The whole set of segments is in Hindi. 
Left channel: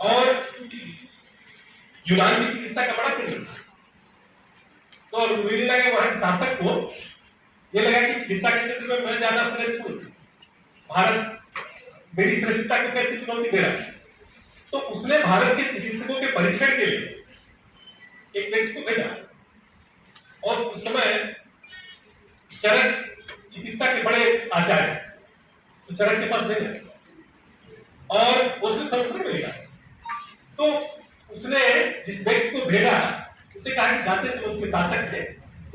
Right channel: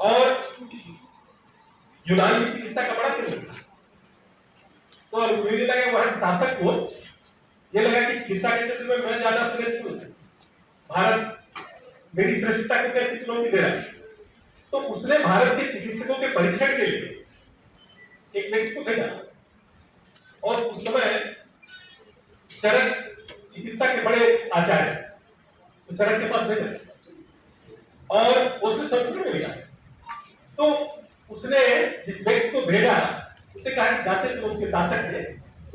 और यूनान की चिकित्सा का बड़ा केंद्र था। तो मुझे लगा वहां के शासक को ये लगा कि चिकित्सा के क्षेत्र में मैं ज्यादा श्रेष्ठ हूं, भारत मेरी श्रेष्ठता को कैसे चुनौती दे रहा है। तो उसने भारत के चिकित्सकों के परीक्षण के लिए एक व्यक्ति को भेजा और उस समय चरक चिकित्सा के बड़े आचार्य तो चरक के पास भेजा और उससे संस्कृत में लिखा। तो उसने जिस व्यक्ति को भेजा उसे कहा कि जाते समय उसके शासक ने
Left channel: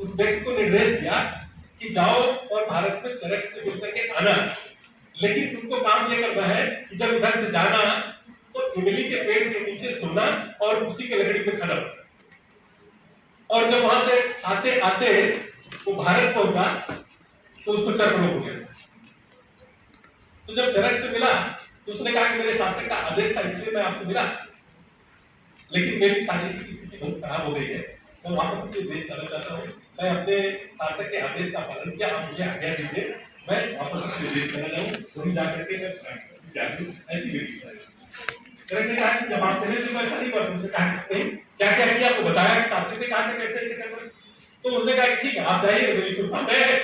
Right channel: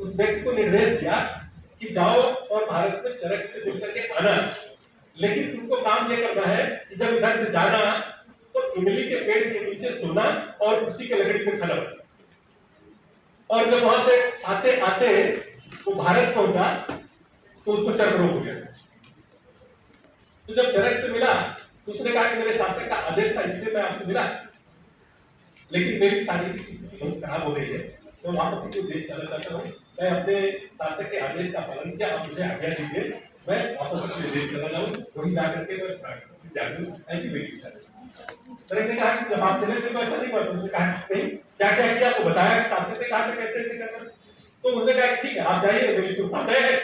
उस व्यक्ति को निर्देश दिया कि जाओ और भारत में चरक से मिलकर के आना, लेकिन तुमको काम ये करना है कि जब इधर से जाना तो इमली के पेड़ के नीचे सोना और उसी के लकड़ी पे खड़ा, और जब वहां से आते आते वो भारत पहुंचा तो उसको चरक रोग हो गया। तो जब चरक से मिला तो उसने कहा कि मेरे शासक का आदेश था इसलिए मैं आपसे मिला, लेकिन मेरी शारीरिक स्थिति बहुत खराब हो गई है, तो वापस अपने देश जाना चाहता हूँ। मैं अपने शासक के आदेश का पालन किया, आप मुझे आज्ञा दीजिए मैं वापस अपने देश चला जाऊँ, वहीं जाकर के मैं जागरूक, ऐसी मेरी इच्छा है। चरक ने कहा कि जब आप चले थे तो ऐसा नहीं करते। उसने कहा नहीं, क्या क्या किया आपको बताया कि शासक ने कहा कैसे ऐसे करना। तो उसने कहा ठीक है आप जाइए, मेरी शुभकामनाएं।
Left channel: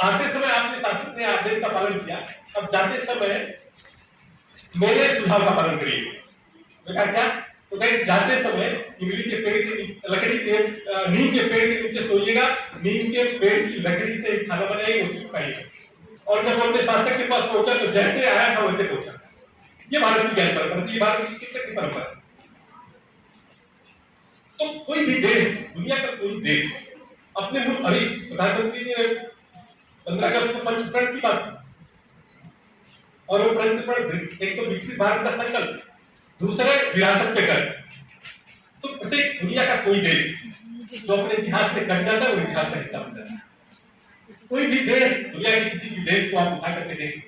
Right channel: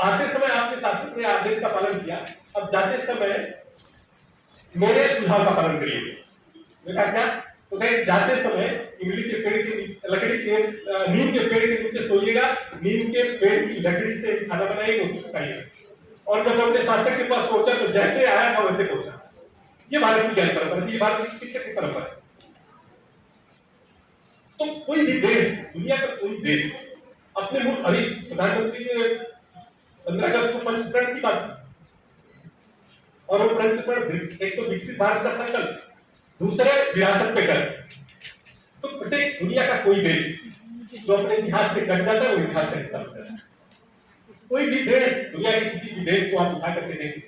आते समय आपने शासक के आदेश का पालन किया, अब जाते समय मेरे सुझाव का पालन करिए। मैं कहा क्या? तो कहे जाते समय इमली के पेड़ की लकड़ी के नीम के पेड़ के नीचे सोइएगा, नीम के पेड़ की लकड़ी से खाना बनाइएगा, उसी को खाइएगा। और जब अपने शासक के पास पहुंचा तो जैसे आया था वैसे पहुंचा। ये भारत की ज्ञान परंपरा थी, ये भारत की चिकित्सा की परंपरा। तो कोई भी देश, दुनिया का कोई देश अपने मुल्क, अभी प्रधानमंत्री ने 15 अगस्त को पंचप्रण की बात की, और वो पंचप्रण एक तो विकसित भारत का संकल्प, दूसरे विरासत पे कर। तो प्रत्येक दुनिया का कोई देश जो अपने इतिहास से कट जाता है वो इतिहास का हिस्सा बन जाता है। कोई भी देश, दुनिया के किसी भी देश को आप उठा करके देखें,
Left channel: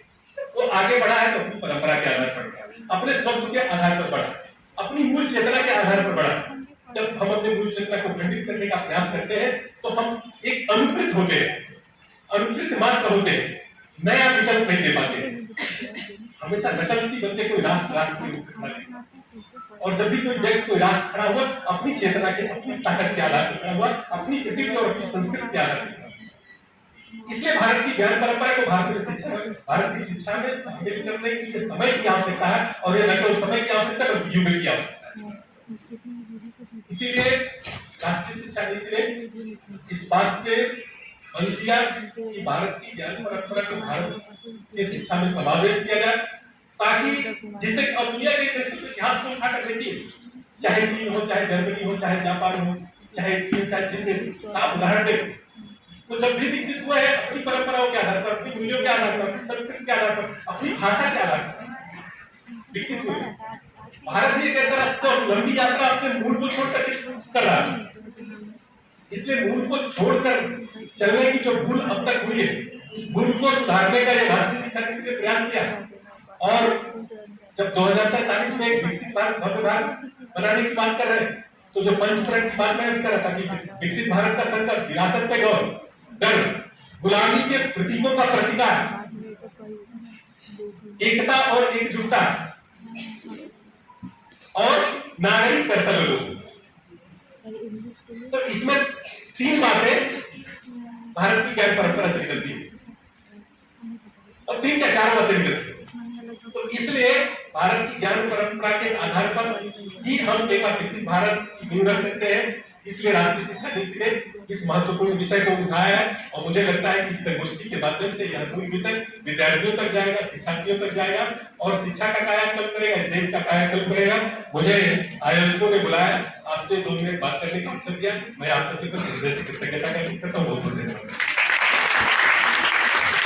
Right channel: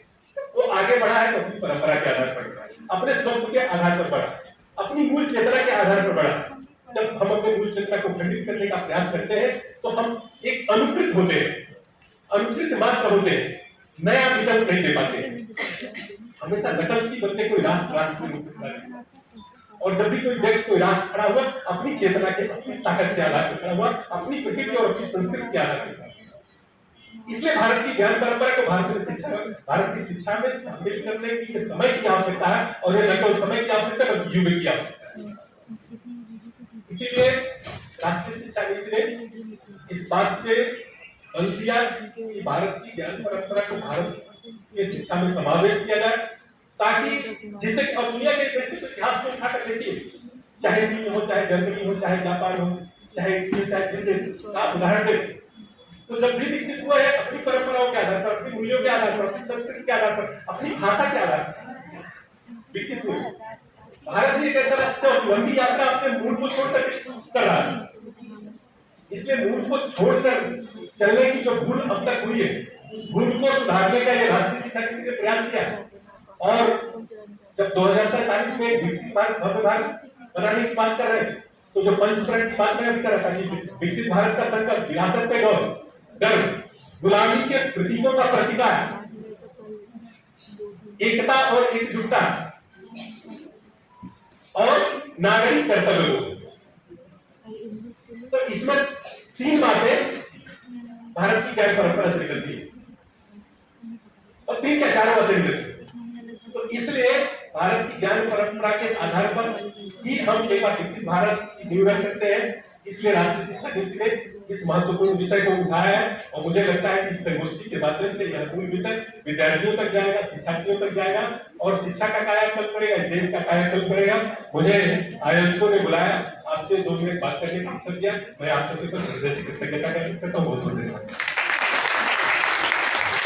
वो आगे बढ़ा है तो अपनी परंपरा के आधार पर बढ़ा, अपने स्वरूप के आधार पर बढ़ा, अपनी मूल चेतना के आधार पर बढ़ा। जब हम अपने मूल चेतना को खंडित करने का प्रयास करते हैं तो हम एक अनुकृत होते हैं, अनुकृत मात्र होते हैं, नया विकल्प नहीं दे पाते। हमेशा नकल की बनते कोई राष्ट्र नहीं। और जब भी कोई व्यक्ति कोई राष्ट्र खड़ा हुआ अपनी चेतना के, अपनी ताकत के आधार पर खड़ा हुआ, अपनी प्रकृति और अपनी संस्कृति के आधार पर। इसलिए भारत की ज्ञान परंपरा को भारत की शिक्षा में शामिल करने के लिए समय की आवश्यकता है, और ये न केवल समय की आवश्यकता है बल्कि युग की आवश्यकता है। इसीलिए राष्ट्रीय शिक्षा नीति ने इस बात पे बल दिया कि भारत की ज्ञान परंपरा को भारत के शिक्षा में समावेश किया जाए, ताकि जिससे दुनिया के देशों के इतिहास को उठाकर देखिए, चाहे चीन हो, चाहे जर्मनी हो, चाहे जापान हो, चाहे चीन, आप उदाहरण दें तो जब भी विकसित हुए हैं अपनी परंपराओं के आधार पर, अपनी मूल्यों के आधार पर, अपनी संस्कृति के आधार पर, अपनी भाषा के आधार पर विकसित हुए। भारत भी एक ऐसा राष्ट्र और लंबी यात्रा अपने मूल को छोड़कर कर रहा है। इसलिए मूल को छोड़कर चलने की जो भूल अब तक हुई है, उस भूल को सुधारने का ये राष्ट्रीय शिक्षा नीति ने प्रयास किया है। और जब 2047 में एक विकसित भारत, भव्य भारत बनाने की बात कर रहे हैं, तो जो पंचप्रण की बात मैंने कर रहा था कि विकसित भारत का संकल्प विरासत पे गौरव, गर्व, गुलामी के प्रतीकों का प्रतिकार, एकता और एकजुटता और नागरिक कर्तव्य बोध। तो इसमें 3 बातें भारत की ज्ञान परंपरा से निकलती है, और 3 क्या 4 बातें निकलती है। तो इसलिए भारत की ज्ञान परंपरा के आधार पर ही हम एक विकसित भारत की नींव रख सकते हैं। इसलिए राष्ट्रीय शिक्षा नीति ने इस महत्वपूर्ण विषय को उठाया है, और मुझे लगता है कि इस संगोष्ठी के माध्यम से यह पूर्ण विषय विद्यार्थियों तक जाएगा, शिक्षार्थियों तक जाएगा, और शिक्षा का कायाकल्प करेगा, इस देश का कायाकल्प करेगा। मुझे आयोजकों ने बुलाया, आपसे 2 मिनट बात करने का अवसर दिया, मैं आप सबसे कृतज्ञता करता हूँ। बहुत बहुत धन्यवाद।